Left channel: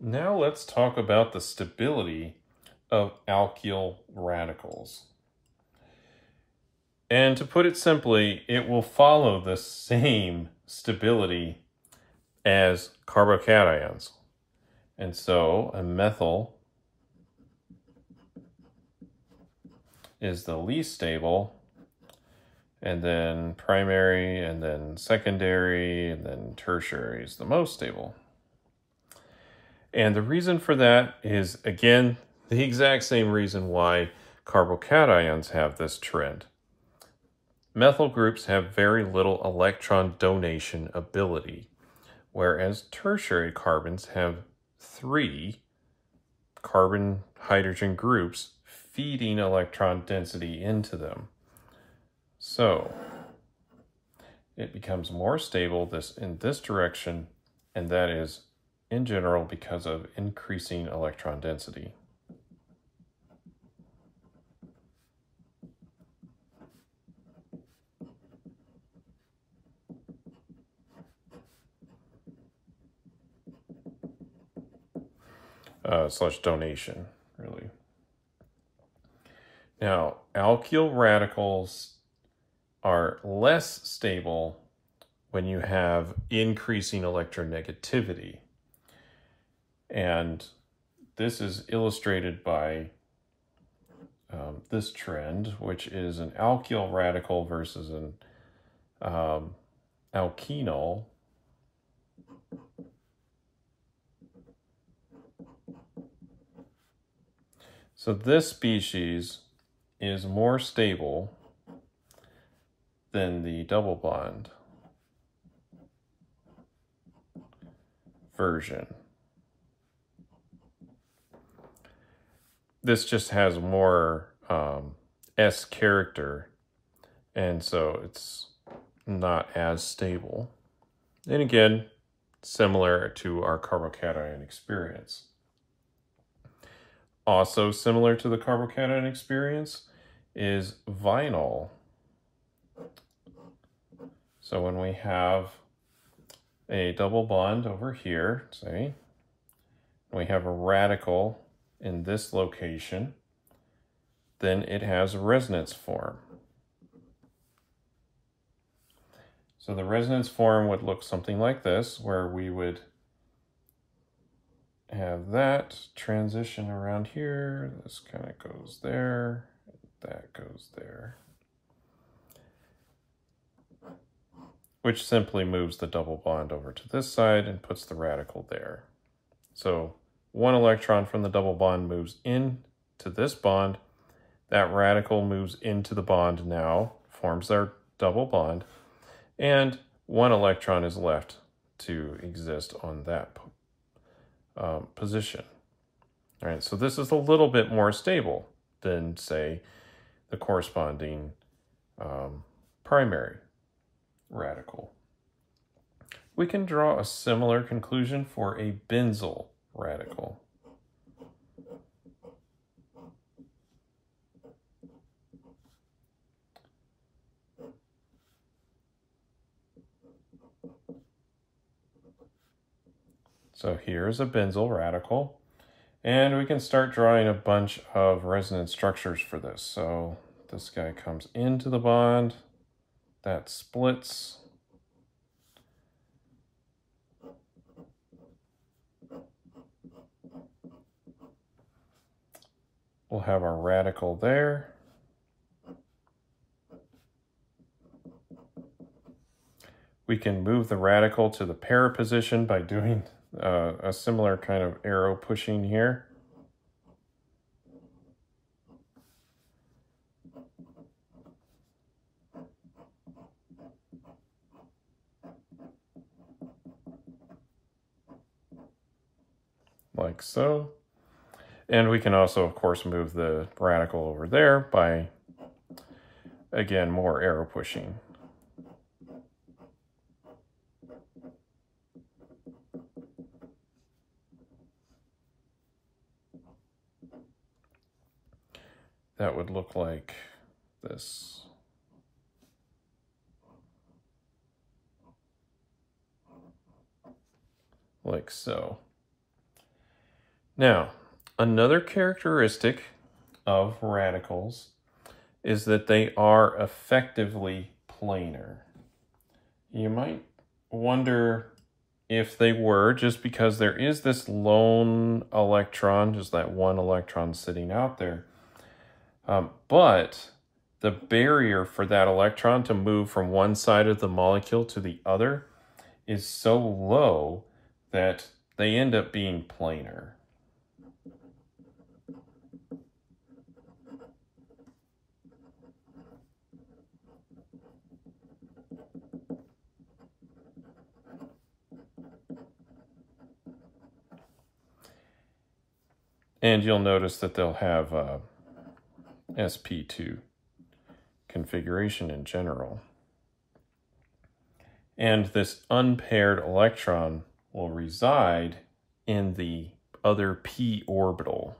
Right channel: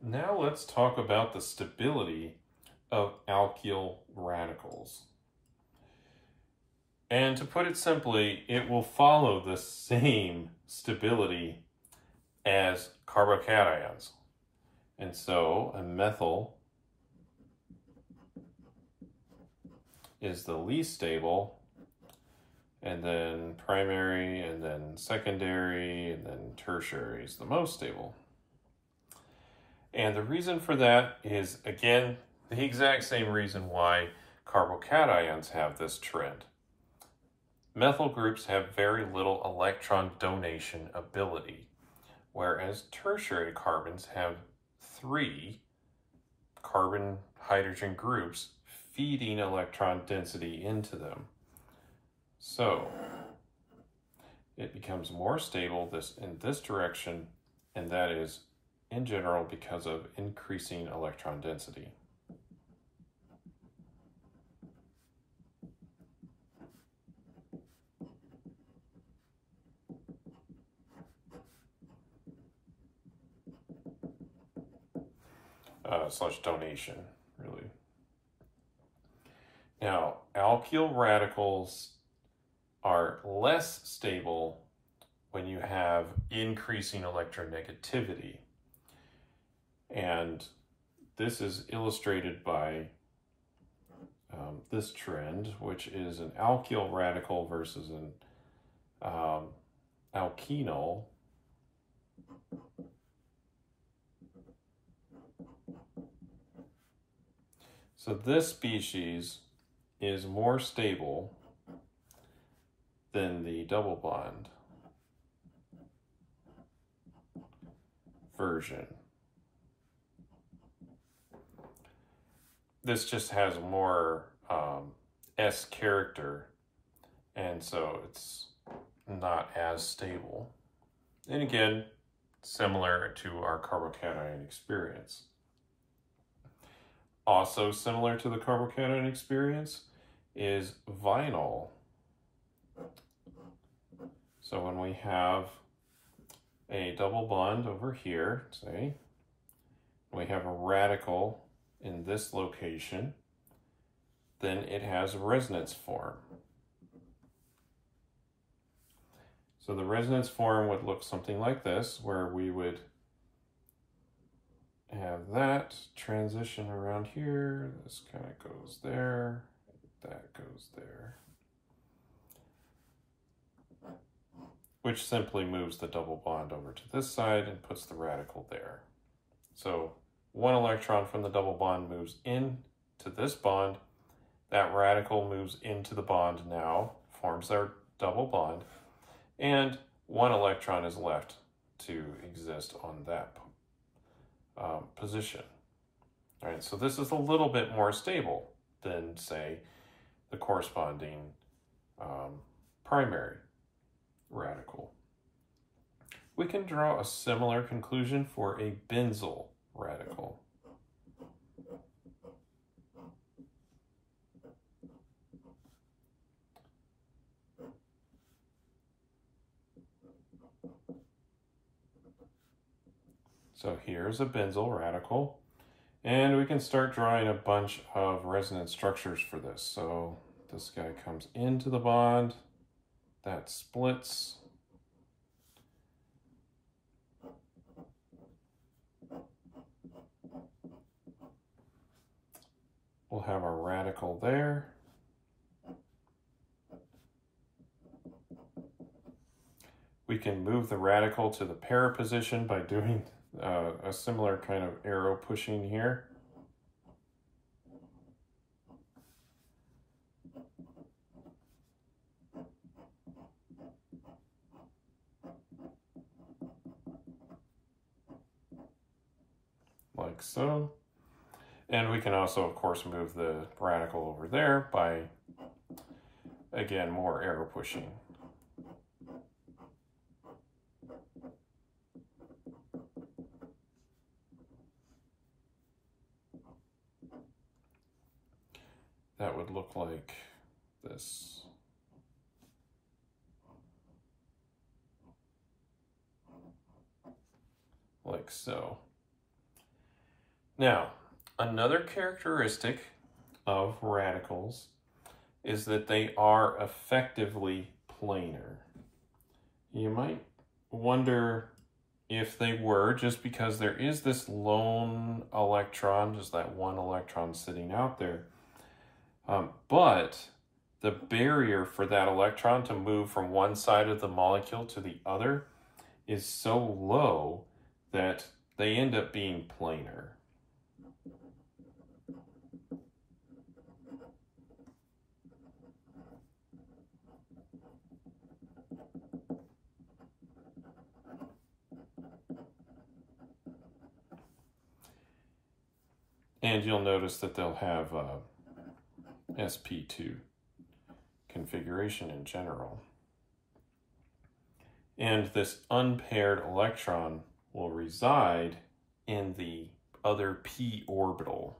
Now let's talk about the stability of alkyl radicals. And to put it simply, it will follow the same stability as carbocations. And so a methyl is the least stable, and then primary, and then secondary, and then tertiary is the most stable. And the reason for that is, again, the exact same reason why carbocations have this trend. Methyl groups have very little electron donation ability, whereas tertiary carbons have 3 carbon-hydrogen groups feeding electron density into them. So it becomes more stable in this direction, and that is in general because of increasing electron density. Slash donation, really. Now, alkyl radicals are less stable when you have increasing electronegativity. And this is illustrated by this trend, which is an alkyl radical versus an alkenol. So this species is more stable than the double bond version. This just has more S character, and so it's not as stable. And again, similar to our carbocation experience. Also similar to the carbocation experience is vinyl. So when we have a double bond over here, say, we have a radical in this location, then it has a resonance form. So the resonance form would look something like this, where we would have that transition around here. This kind of goes there, that goes there, which simply moves the double bond over to this side and puts the radical there. So one electron from the double bond moves into this bond. That radical moves into the bond now, forms their double bond, and one electron is left to exist on that position. All right, so this is a little bit more stable than, say, the corresponding primary radical. We can draw a similar conclusion for a benzyl radical. So here's a benzyl radical, and we can start drawing a bunch of resonance structures for this. So this guy comes into the bond, that splits. We'll have our radical there. We can move the radical to the para position by doing a similar kind of arrow pushing here. Like so. And we can also, of course, move the radical over there by, again, more arrow pushing. That would look like this. Like so. Now, another characteristic of radicals is that they are effectively planar. You might wonder if they were, just because there is this lone electron, just that one electron sitting out there. But the barrier for that electron to move from one side of the molecule to the other is so low that they end up being planar. And you'll notice that they'll have sp2 configuration in general. And this unpaired electron will reside in the other p orbital.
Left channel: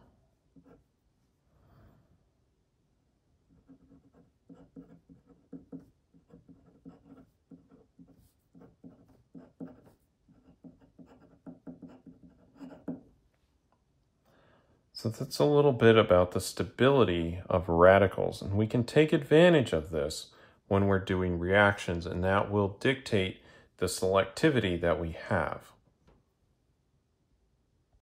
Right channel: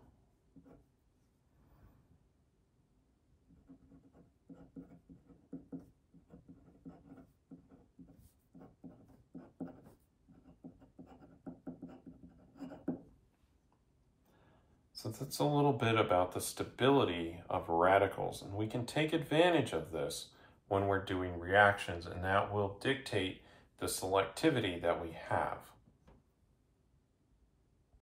So that's a little bit about the stability of radicals, and we can take advantage of this when we're doing reactions, and that will dictate the selectivity that we have.